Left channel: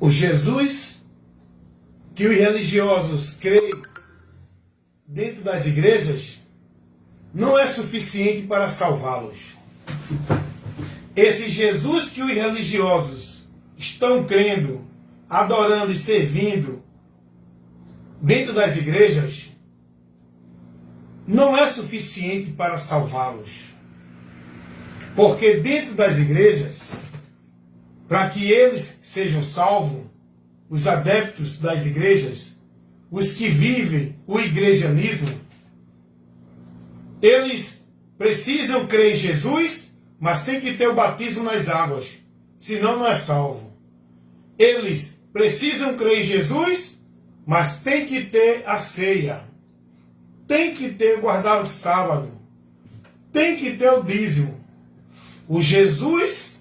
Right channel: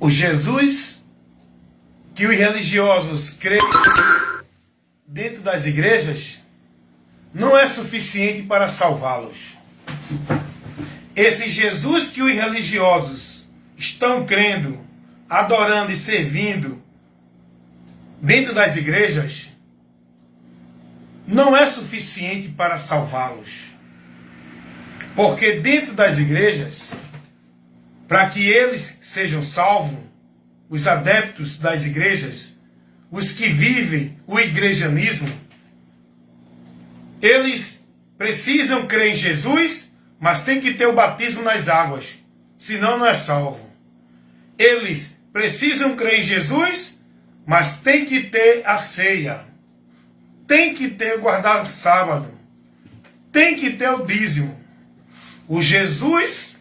O Jesus que os religiosos creem dentro das igrejas não é suficiente para salvá-los. Esse Jesus que os religiosos estão crendo, adorando e servindo dentro das igrejas não é suficiente para salvá-los. Porque dentro das igrejas, para que eles sejam salvos, os adeptos das igrejas, os que vivem o igrejanismo, eles precisam crer em Jesus, mas tem que ter o batismo nas águas, senão não é salvo. Eles precisam crer em Jesus, mas tem que ter a ceia, tem que ter guardar o sábado, tem que ter o dízimo. O Jesus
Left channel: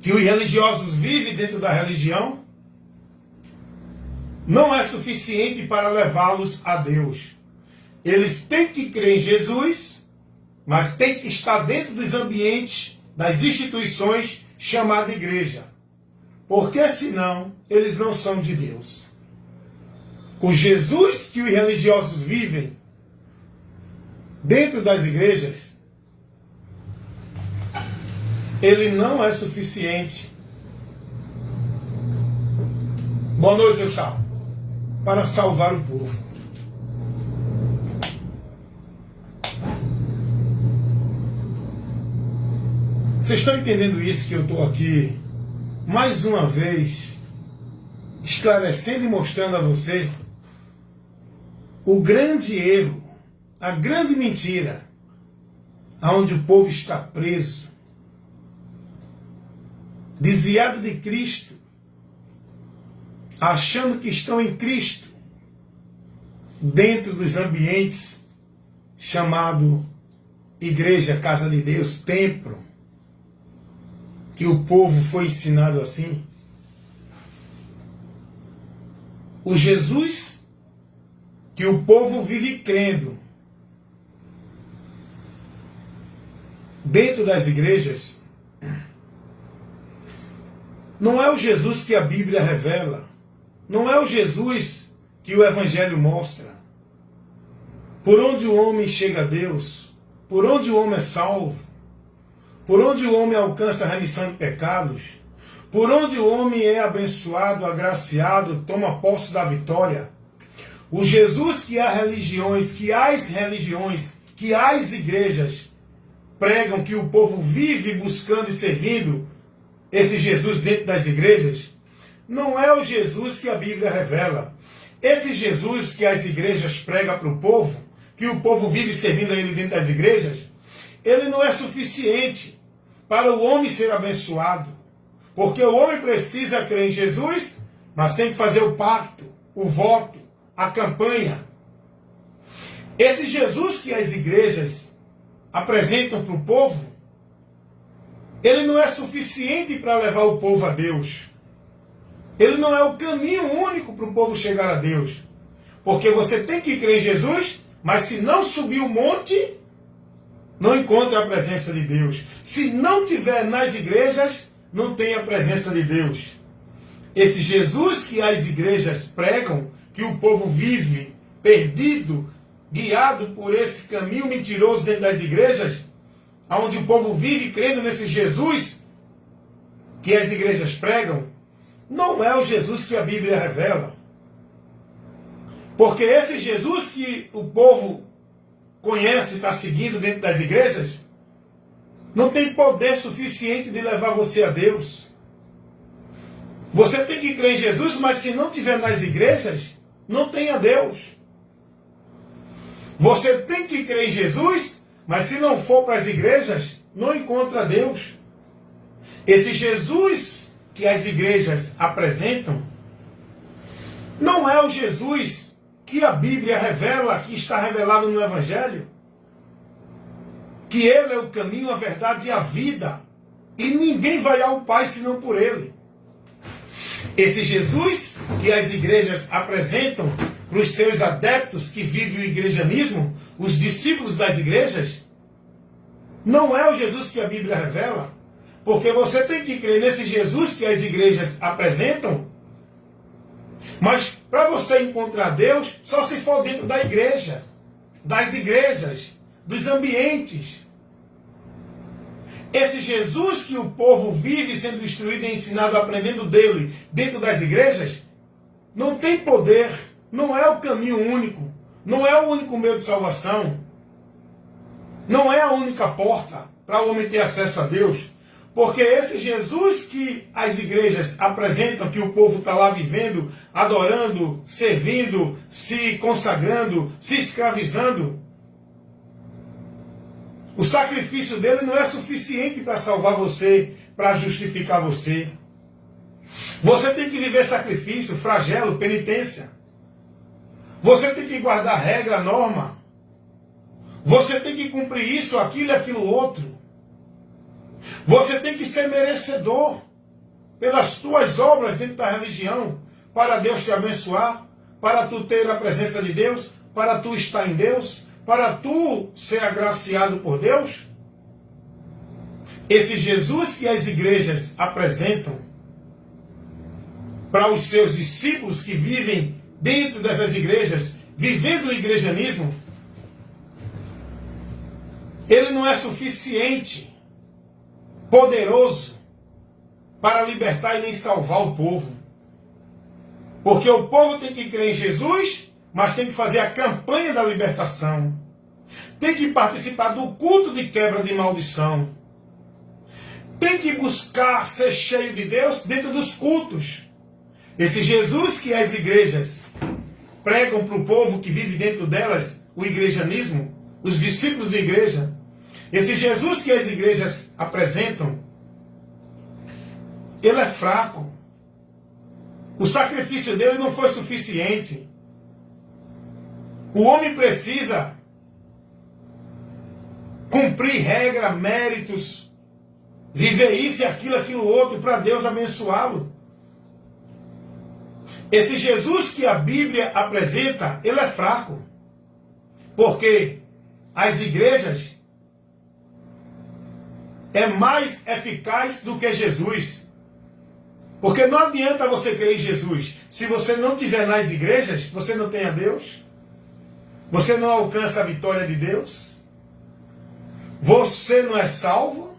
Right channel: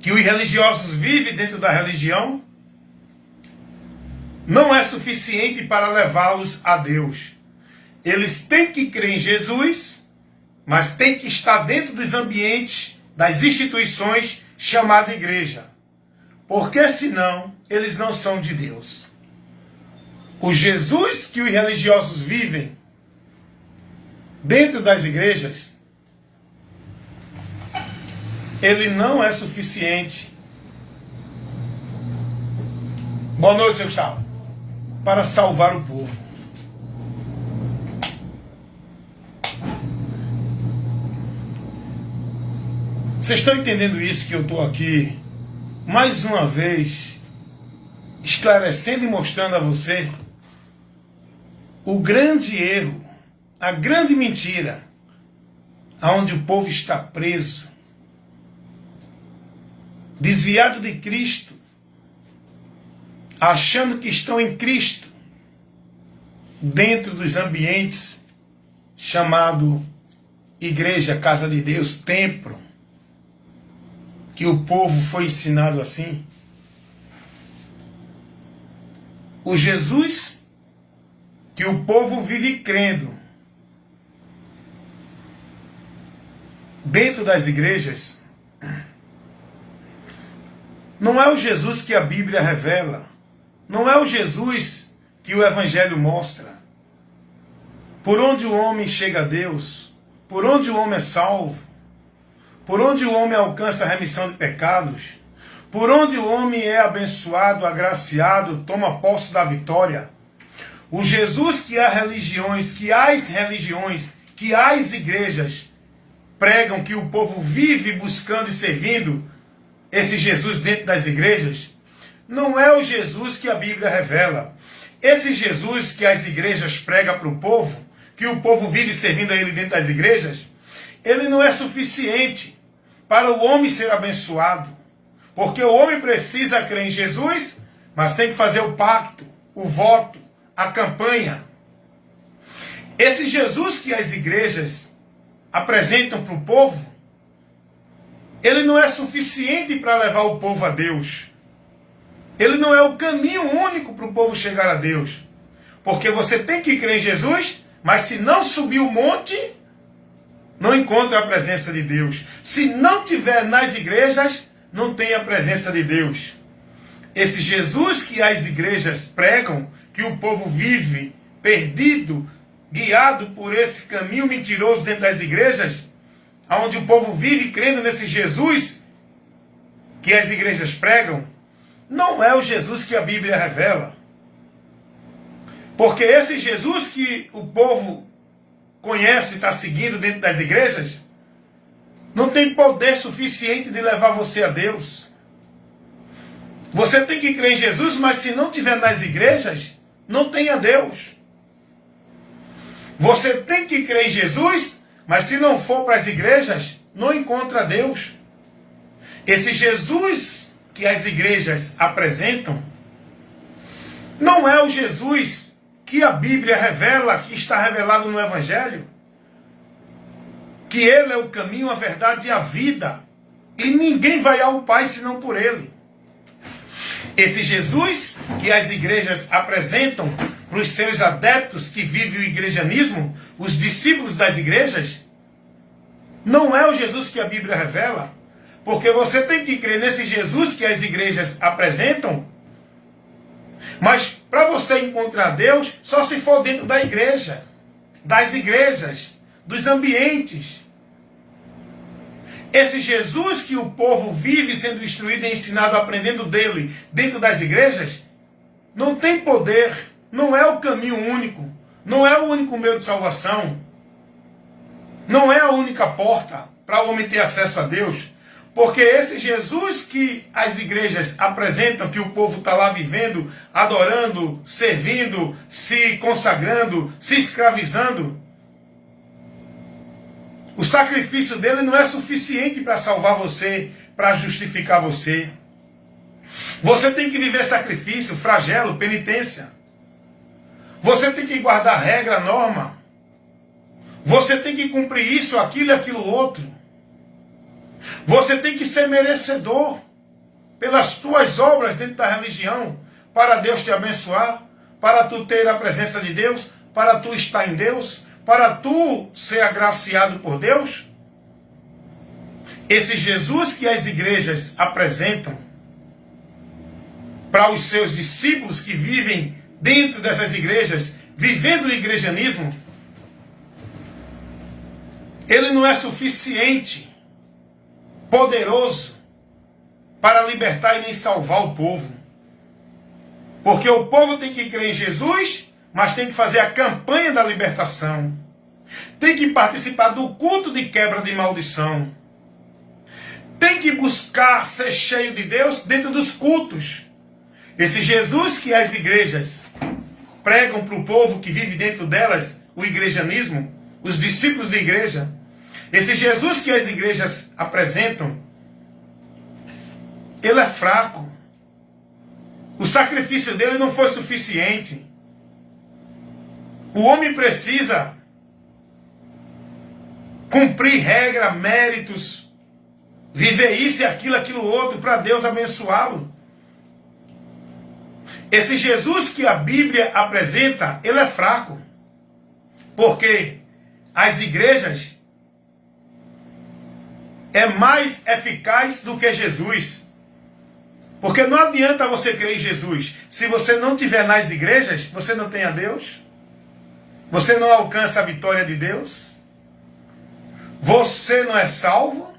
que os religiosos vivem dentro da religião não é suficiente para levá-los a Deus. Eles têm que crer em Jesus, mas têm que estar dentro dos ambientes, das instituições chamadas igreja. Porque senão eles não são de Deus. O Jesus que os religiosos vivem dentro das igrejas, ele não é suficiente. Boa noite, seu Gustavo. Para salvar o povo. Vocês estão entendendo isso que eu estou aqui, mais uma vez, esclarecendo e mostrando a você o grande erro, a grande mentira, aonde o povo está preso, desviado de Cristo, achando que estão em Cristo, dentro dos ambientes chamado igreja, casa de Deus, templo, que o povo foi ensinado assim. O Jesus que o povo vive crendo dentro das igrejas não é o Jesus que a Bíblia revela, não é o Jesus que o Evangelho mostra. Por onde o homem chega a Deus, por onde o homem é salvo, por onde o homem alcança a remissão de pecados, por onde o homem é abençoado, agraciado, toma posse da vitória. O Jesus que as religiões, que as igrejas pregam, que o povo vive buscando e servindo, esse Jesus dentro das igrejas, não é o Jesus que a Bíblia revela. Esse Jesus que as igrejas pregam para o povo, que o povo vive servindo a ele dentro das igrejas, ele não é suficiente para o homem ser abençoado. Porque o homem precisa crer em Jesus, mas tem que fazer o pacto, o voto, a campanha. Esse Jesus que as igrejas apresentam para o povo, ele não é suficiente para levar o povo a Deus. Ele não é o caminho único para o povo chegar a Deus. Porque você tem que crer em Jesus, mas se não subir o monte, não encontra a presença de Deus. Se não tiver nas igrejas, não tem a presença de Deus. Esse Jesus que as igrejas pregam, que o povo vive perdido, guiado por esse caminho mentiroso dentro das igrejas, onde o povo vive crendo nesse Jesus que as igrejas pregam, não é o Jesus que a Bíblia revela. Porque esse Jesus que o povo conhece e está seguindo dentro das igrejas, não tem poder suficiente de levar você a Deus. Você tem que crer em Jesus, mas se não tiver nas igrejas, não tem a Deus. Você tem que crer em Jesus, mas se não for para as igrejas, não encontra Deus. Esse Jesus que as igrejas apresentam, não é o Jesus que a Bíblia revela, que está revelado no Evangelho. Que ele é o caminho, a verdade e a vida. E ninguém vai ao Pai senão por ele. Esse Jesus que as igrejas apresentam para os seus adeptos que vivem o igrejanismo, os discípulos das igrejas, não é o Jesus que a Bíblia revela. Porque você tem que crer nesse Jesus que as igrejas apresentam. Mas para você encontrar Deus, só se for dentro da igreja, das igrejas, dos ambientes. Esse Jesus que o povo vive sendo instruído e ensinado, aprendendo dele dentro das igrejas, não tem poder, não é o caminho único, não é o único meio de salvação, não é a única porta para o homem ter acesso a Deus. Porque esse Jesus que as igrejas apresentam, que o povo está lá vivendo, adorando, servindo, se consagrando, se escravizando, o sacrifício dele não é suficiente para salvar você, para justificar você. Você tem que viver sacrifício, flagelo, penitência. Você tem que guardar regra, norma. Você tem que cumprir isso, aquilo e aquilo outro. Você tem que ser merecedor pelas tuas obras dentro da religião, para Deus te abençoar, para tu ter a presença de Deus, para tu estar em Deus, para tu ser agraciado por Deus. Esse Jesus que as igrejas apresentam para os seus discípulos que vivem dentro dessas igrejas, vivendo o igrejanismo, ele não é suficiente, poderoso, para libertar e nem salvar o povo. Porque o povo tem que crer em Jesus, mas tem que fazer a campanha da libertação. Tem que participar do culto de quebra de maldição. Tem que buscar ser cheio de Deus dentro dos cultos. Esse Jesus que as igrejas pregam para o povo que vive dentro delas, o igrejanismo, os discípulos da igreja, esse Jesus que as igrejas apresentam, ele é fraco. O sacrifício dele não foi suficiente. O homem precisa cumprir regra, méritos, viver isso e aquilo outro para Deus abençoá-lo. Esse Jesus que a Bíblia apresenta, ele é fraco. Porque as igrejas é mais eficaz do que Jesus. Porque não adianta você crer em Jesus. Se você não estiver nas igrejas, você não tem a Deus. Você não alcança a vitória de Deus. Você não é salvo.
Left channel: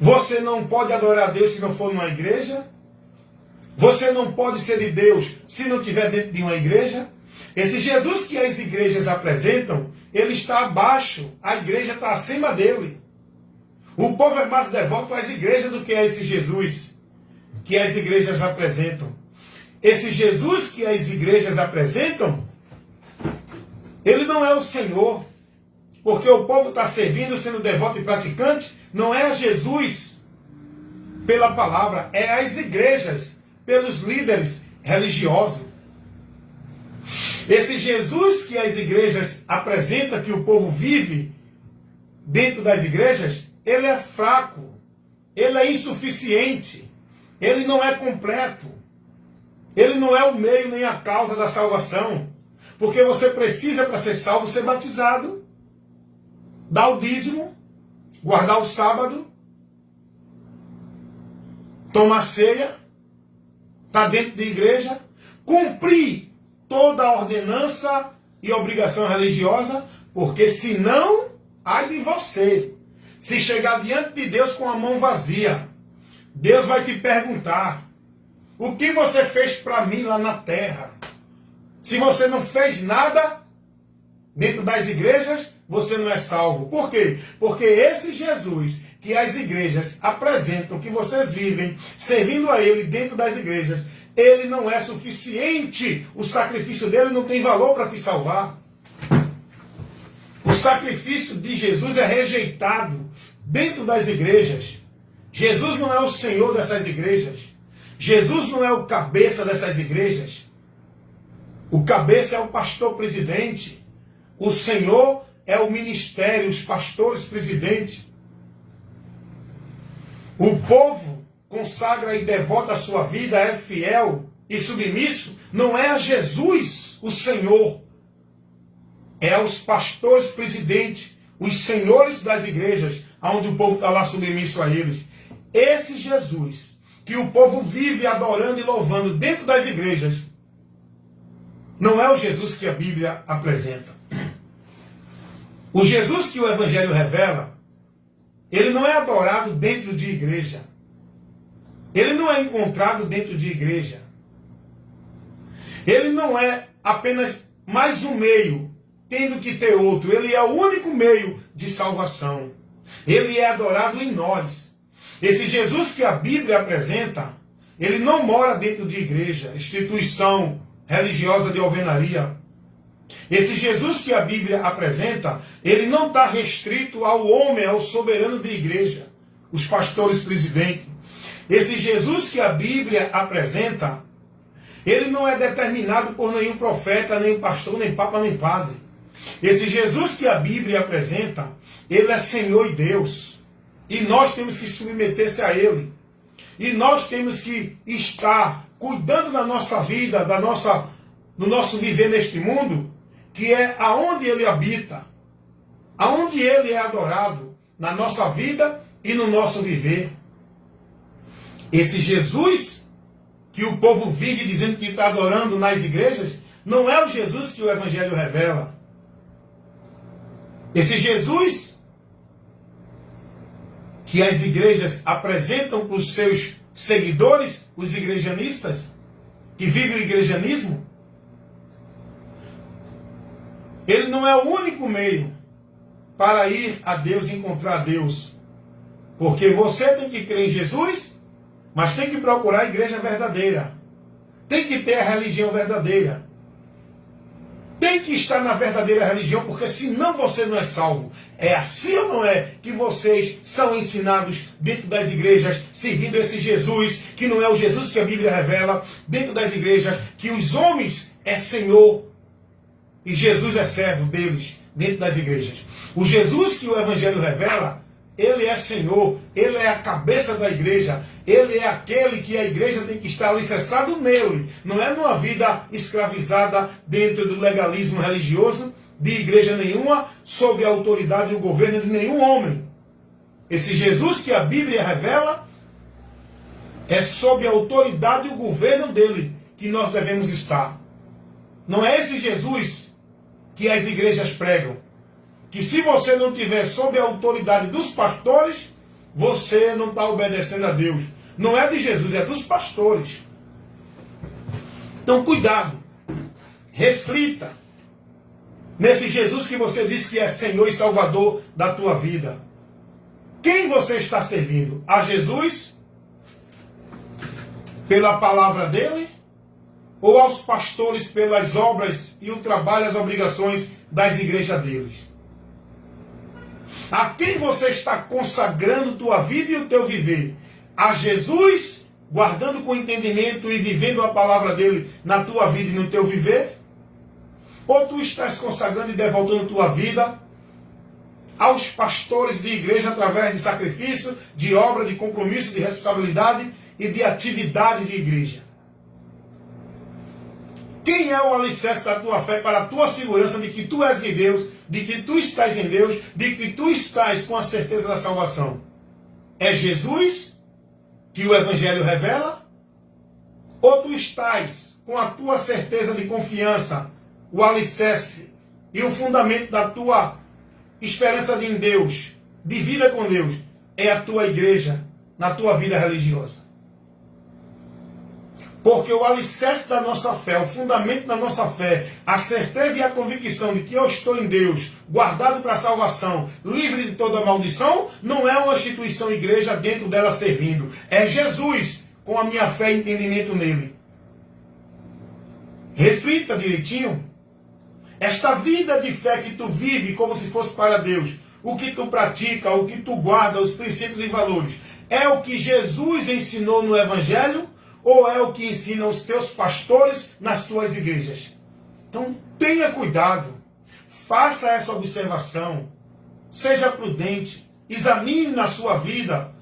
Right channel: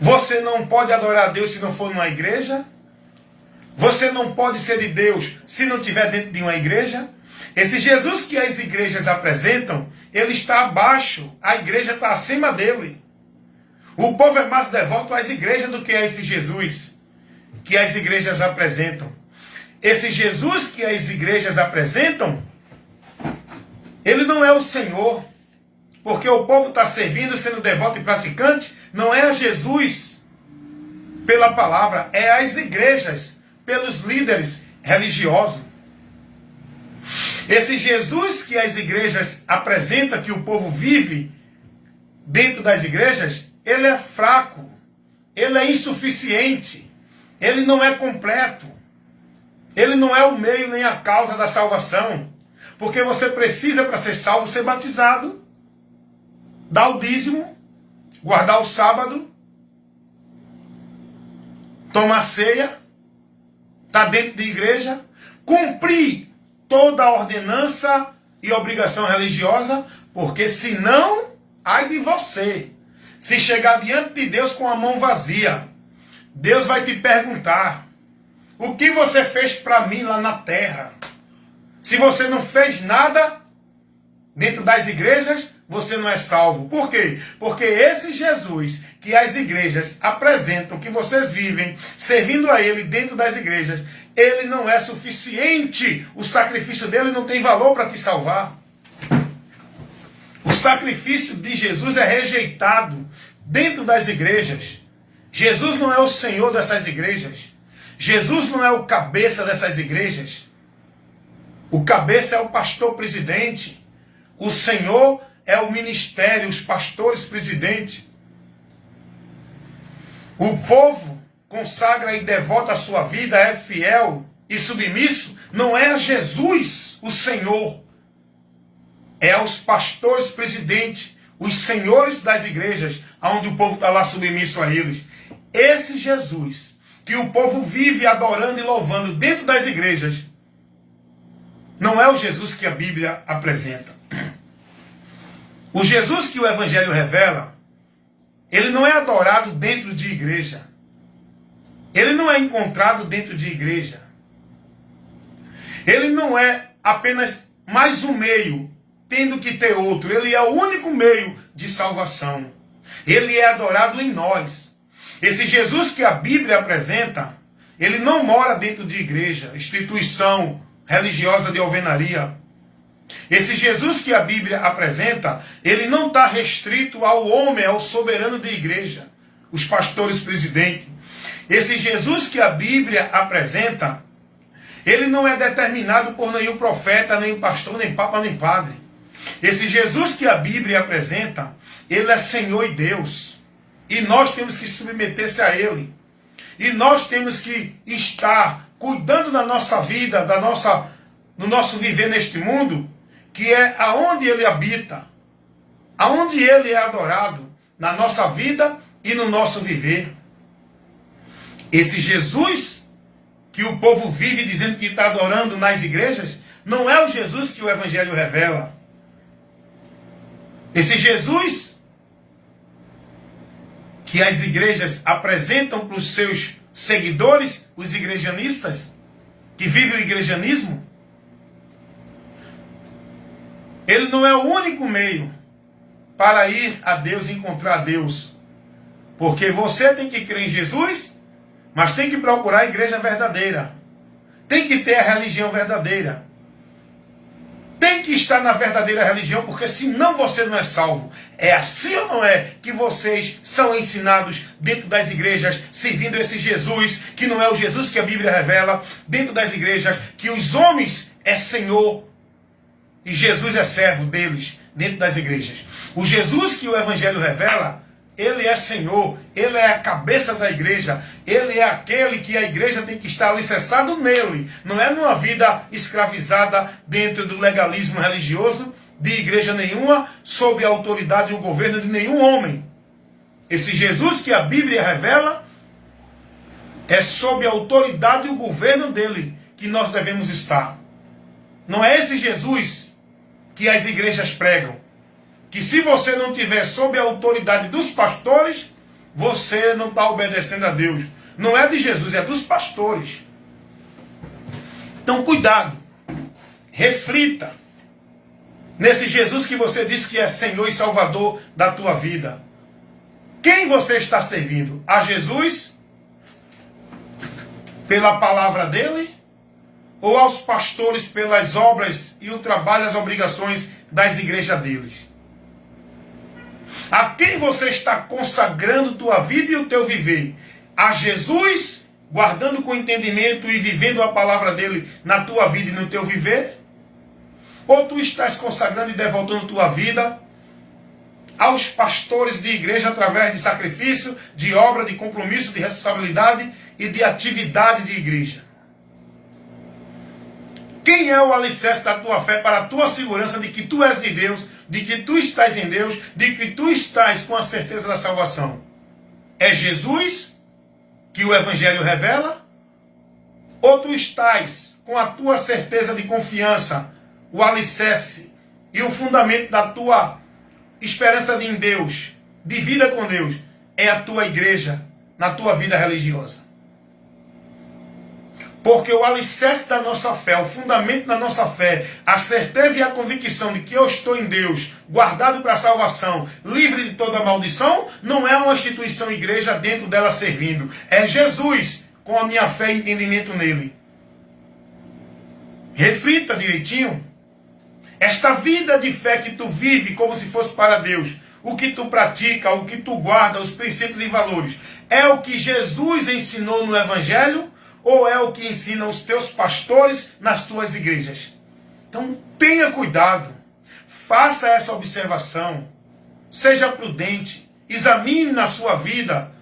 Você não pode adorar a Deus se não for numa igreja. Você não pode ser de Deus se não estiver dentro de uma igreja. Esse Jesus que as igrejas apresentam, ele está abaixo. A igreja está acima dele. O povo é mais devoto às igrejas do que a esse Jesus que as igrejas apresentam. Esse Jesus que as igrejas apresentam, ele não é o Senhor. Porque o povo está servindo, sendo devoto e praticante, não é a Jesus pela palavra, é as igrejas, pelos líderes religiosos. Esse Jesus que as igrejas apresentam, que o povo vive dentro das igrejas, ele é fraco, ele é insuficiente, ele não é completo, ele não é o meio nem a causa da salvação, porque você precisa, para ser salvo, ser batizado, dar o dízimo, guardar o sábado, tomar ceia, estar dentro da igreja, cumprir toda a ordenança e obrigação religiosa, porque senão, ai de você, se chegar diante de Deus com a mão vazia, Deus vai te perguntar, o que você fez para mim lá na terra? Se você não fez nada dentro das igrejas, você não é salvo. Por quê? Porque esse Jesus que as igrejas apresentam, que vocês vivem servindo a ele dentro das igrejas, ele não é suficiente. O sacrifício dele não tem valor para te salvar. O sacrifício de Jesus é rejeitado dentro das igrejas. Jesus não é o Senhor dessas igrejas. Jesus não é o cabeça dessas igrejas. O cabeça é o pastor presidente. O Senhor é o ministério, os pastores presidentes. O povo consagra e devota a sua vida, é fiel e submisso, não é a Jesus, o Senhor. É aos pastores presidentes, os senhores das igrejas, onde o povo está lá submisso a eles. Esse Jesus que o povo vive adorando e louvando dentro das igrejas, não é o Jesus que a Bíblia apresenta. O Jesus que o Evangelho revela, ele não é adorado dentro de igreja. Ele não é encontrado dentro de igreja. Ele não é apenas mais um meio, tendo que ter outro. Ele é o único meio de salvação. Ele é adorado em nós. Esse Jesus que a Bíblia apresenta, ele não mora dentro de igreja, instituição religiosa de alvenaria. Esse Jesus que a Bíblia apresenta, ele não está restrito ao homem, ao soberano de igreja, os pastores presidentes. Esse Jesus que a Bíblia apresenta, ele não é determinado por nenhum profeta, nem pastor, nem papa, nem padre. Esse Jesus que a Bíblia apresenta, ele é Senhor e Deus. E nós temos que submeter-se a ele. E nós temos que estar cuidando da nossa vida, do nosso viver neste mundo, que é aonde ele habita, aonde ele é adorado, na nossa vida e no nosso viver. Esse Jesus que o povo vive dizendo que está adorando nas igrejas, não é o Jesus que o Evangelho revela. Esse Jesus que as igrejas apresentam para os seus seguidores, os igrejanistas, que vivem o igrejanismo, ele não é o único meio para ir a Deus e encontrar Deus. Porque você tem que crer em Jesus, mas tem que procurar a igreja verdadeira. Tem que ter a religião verdadeira. Tem que estar na verdadeira religião, porque senão você não é salvo. É assim ou não é que vocês são ensinados dentro das igrejas, servindo esse Jesus, que não é o Jesus que a Bíblia revela, dentro das igrejas, que os homens é Senhor e Jesus é servo deles, dentro das igrejas. O Jesus que o Evangelho revela, ele é Senhor, ele é a cabeça da igreja, ele é aquele que a igreja tem que estar alicerçado nele, não é numa vida escravizada dentro do legalismo religioso de igreja nenhuma, sob a autoridade e o governo de nenhum homem. Esse Jesus que a Bíblia revela é sob a autoridade e o governo dele que nós devemos estar. Não é esse Jesus que as igrejas pregam, que se você não tiver sob a autoridade dos pastores, você não está obedecendo a Deus. Não é de Jesus, é dos pastores. Então cuidado, reflita nesse Jesus que você diz que é Senhor e Salvador da tua vida. Quem você está servindo? A Jesus? Pela palavra dele? Ou aos pastores pelas obras e o trabalho, as obrigações das igrejas deles? A quem você está consagrando tua vida e o teu viver? A Jesus, guardando com entendimento e vivendo a palavra dele na tua vida e no teu viver? Ou tu estás consagrando e devotando tua vida aos pastores de igreja através de sacrifício, de obra, de compromisso, de responsabilidade e de atividade de igreja? Quem é o alicerce da tua fé para a tua segurança de que tu és de Deus, de que tu estás em Deus, de que tu estás com a certeza da salvação? É Jesus que o Evangelho revela? Ou tu estás com a tua certeza de confiança, o alicerce e o fundamento da tua esperança em Deus, de vida com Deus, é a tua igreja na tua vida religiosa? Porque o alicerce da nossa fé, o fundamento da nossa fé, a certeza e a convicção de que eu estou em Deus, guardado para a salvação, livre de toda maldição, não é uma instituição igreja dentro dela servindo. É Jesus com a minha fé e entendimento nele. Reflita direitinho. Esta vida de fé que tu vive como se fosse para Deus, o que tu pratica, o que tu guarda, os princípios e valores, é o que Jesus ensinou no Evangelho? Ou é o que ensinam os teus pastores nas tuas igrejas? Então tenha cuidado, faça essa observação, seja prudente, examine na sua vida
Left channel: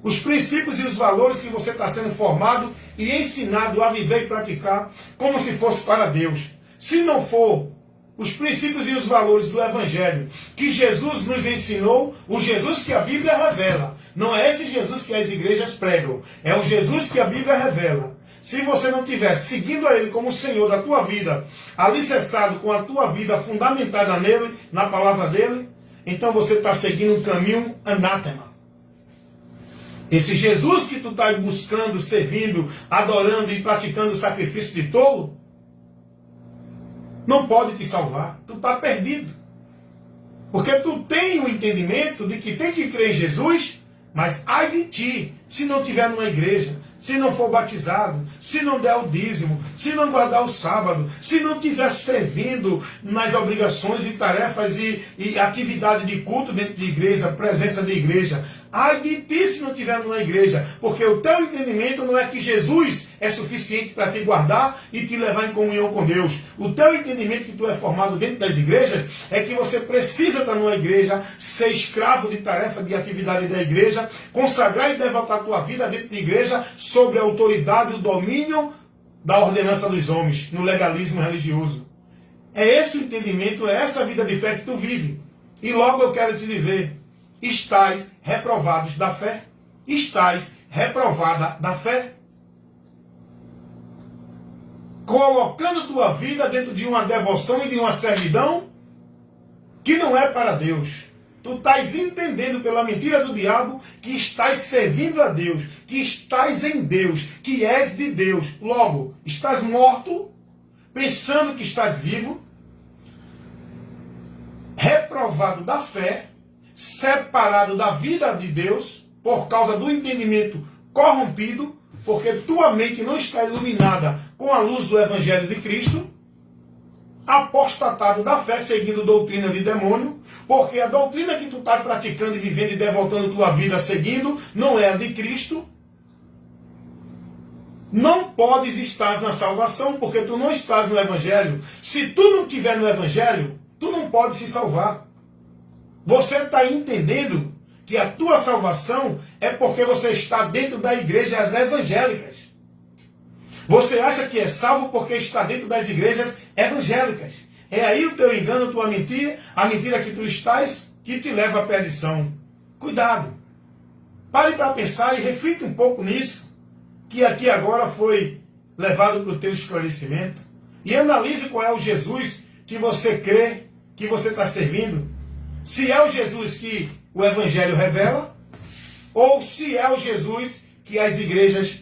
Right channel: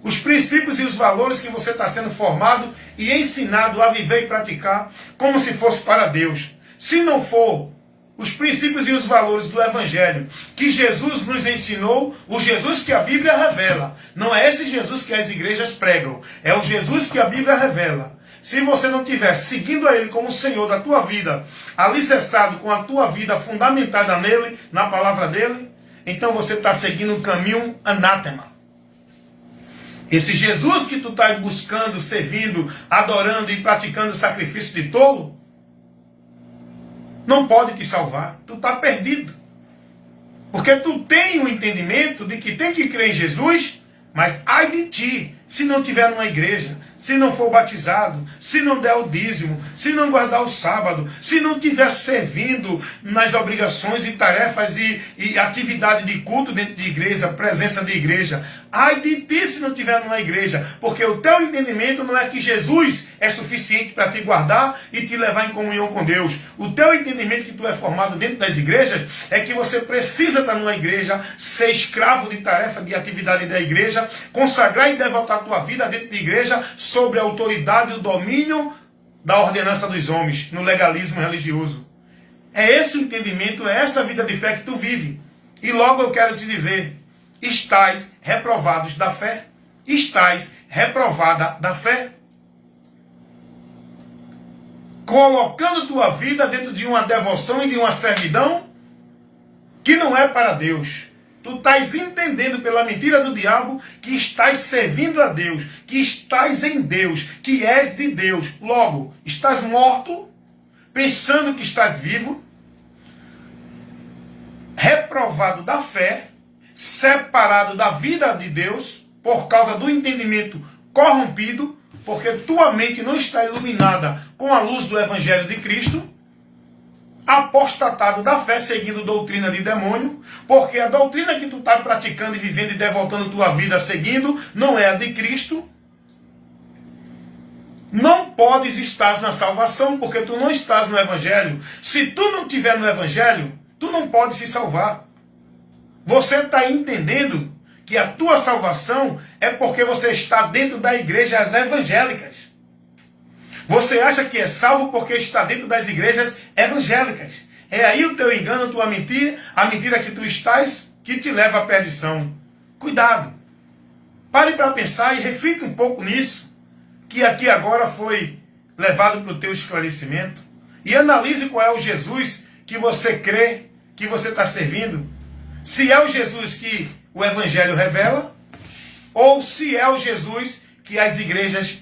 os princípios e os valores que você está sendo formado e ensinado a viver e praticar como se fosse para Deus. Se não for os princípios e os valores do Evangelho que Jesus nos ensinou, o Jesus que a Bíblia revela. Não é esse Jesus que as igrejas pregam, é o Jesus que a Bíblia revela. Se você não estiver seguindo a Ele como Senhor da tua vida, alicerçado com a tua vida fundamentada nele, na palavra dele, então você está seguindo um caminho anátema. Esse Jesus que tu está buscando, servindo, adorando e praticando sacrifício de tolo, não pode te salvar. Tu está perdido. Porque tu tem o entendimento de que tem que crer em Jesus, mas ai de ti, se não estiver numa igreja, se não for batizado, se não der o dízimo, se não guardar o sábado, se não estiver servindo nas obrigações e tarefas e atividade de culto dentro de igreja, presença de igreja. Ai de ti se não estiver numa igreja, porque o teu entendimento não é que Jesus é suficiente para te guardar e te levar em comunhão com Deus. O teu entendimento que tu é formado dentro das igrejas é que você precisa estar numa igreja, ser escravo de tarefa, de atividade da igreja, consagrar e devotar a tua vida dentro da igreja sobre a autoridade e o domínio da ordenança dos homens, no legalismo religioso. É esse o entendimento, é essa vida de fé que tu vive. E logo eu quero te dizer, estais reprovados da fé. Estais reprovada da fé. Colocando tua vida dentro de uma devoção e de uma servidão que não é para Deus. Tu estás entendendo pela mentira do diabo que estás servindo a Deus, que estás em Deus, que és de Deus. Logo, estás morto, pensando que estás vivo, reprovado da fé, separado da vida de Deus, por causa do entendimento corrompido, porque tua mente não está iluminada com a luz do Evangelho de Cristo, apostatado da fé, seguindo doutrina de demônio, porque a doutrina que tu está praticando e vivendo e devotando tua vida seguindo, não é a de Cristo. Não podes estar na salvação, porque tu não estás no Evangelho. Se tu não estiver no Evangelho, tu não podes se salvar. Você está entendendo que a tua salvação é porque você está dentro das igrejas evangélicas. Você acha que é salvo porque está dentro das igrejas evangélicas. É aí o teu engano, a tua mentira, a mentira que tu estás, que te leva à perdição. Cuidado. Pare para pensar e reflita um pouco nisso, que aqui agora foi levado para o teu esclarecimento. E analise qual é o Jesus que você crê, que você está servindo. Se é o Jesus que o Evangelho revela, ou se é o Jesus que as igrejas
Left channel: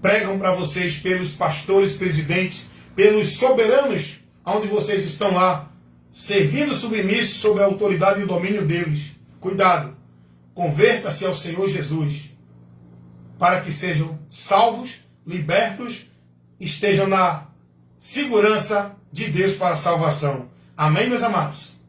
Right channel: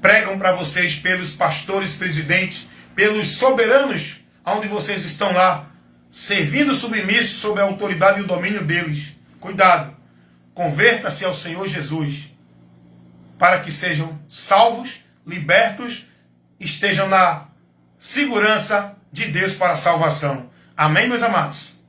pregam para vocês pelos pastores, presidentes, pelos soberanos, onde vocês estão lá, servindo submissos sob a autoridade e o domínio deles. Cuidado, converta-se ao Senhor Jesus, para que sejam salvos, libertos, estejam na segurança de Deus para a salvação. Amém, meus amados?